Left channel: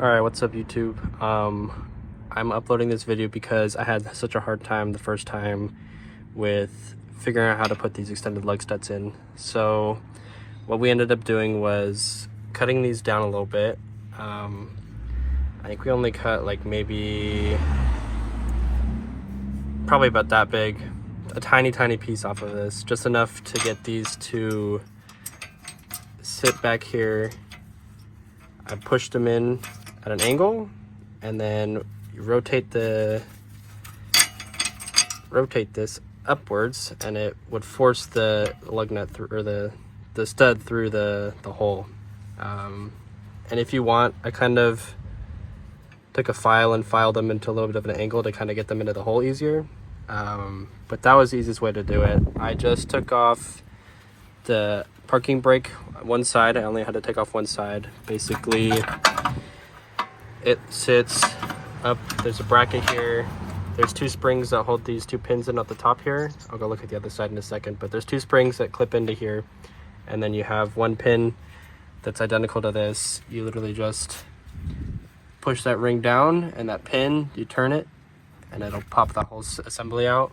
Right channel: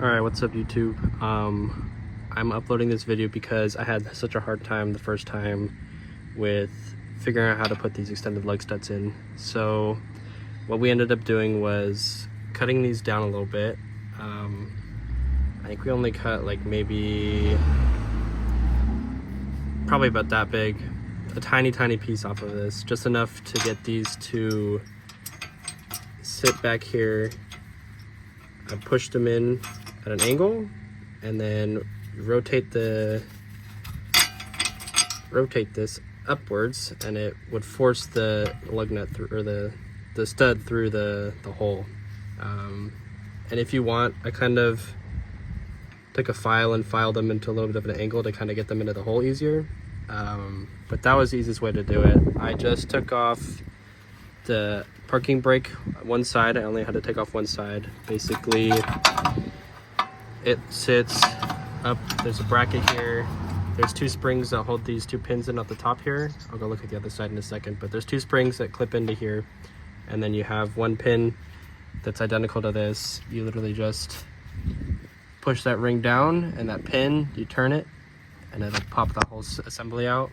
Alright, what's up YouTube? I'm uploading this video because I had such a hard time the first time with figuring out how to put these extended lug studs in. So what we ended up doing was cutting these down a little bit. I think we only cut like probably about that big, a tiny piece off of this, just enough to get these to sit back here. I pushed them in at an angle, and then rotate this upwards, and it would force the lug nut through, or the stud through the hole. And if you want, I kind of took a file and filed them into a little bit of an angle to kind of get them into the hole easier. But that was the easiest way to do it. I just took off the parking brake one side. I only had to take off one side. Basically, it sits up, there's a bracket here. There's two springs that hold these two pins in at the top here. I'll go look at the other side in a second, but there's two springs that clip into here. And then you have one pin that's identical to this. You literally just push that ring down, and that pin, you turn it, and it'll pop that whole assembly out.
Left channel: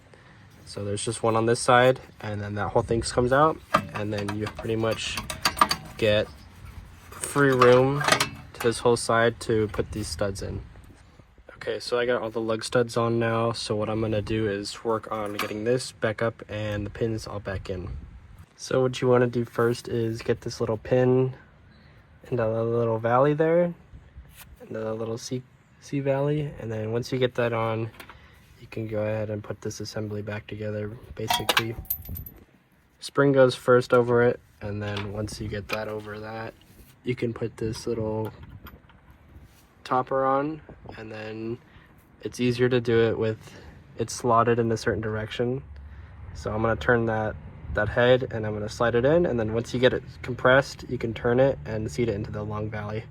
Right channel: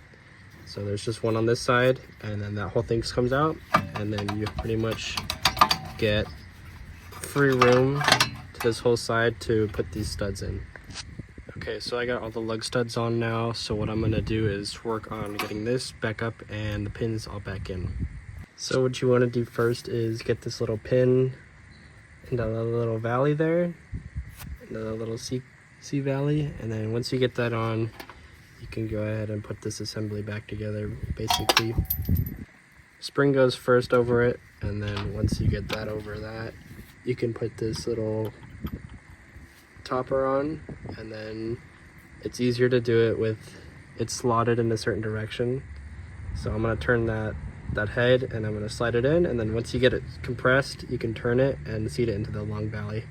So there's just one on this side, and then that whole thing comes out, and then you pretty much get free room to this whole side to put these studs in. Okay, so I got all the lug studs on now, so what I'm gonna do is work on getting this back up and the pins all back in. So what you wanna do first is get this little pin into the little valley there, into the little C valley, and then once you get that on, you can go ahead and put this assembly back together. Basically, spring goes first over it, and then once you get that over that, you can put this little topper on, and then it's easier to do it with it slotted in a certain direction. So I'm going to turn that head, and I'm going to slide it in, and then once you get it compressed, you can turn it and seat it into the long valley.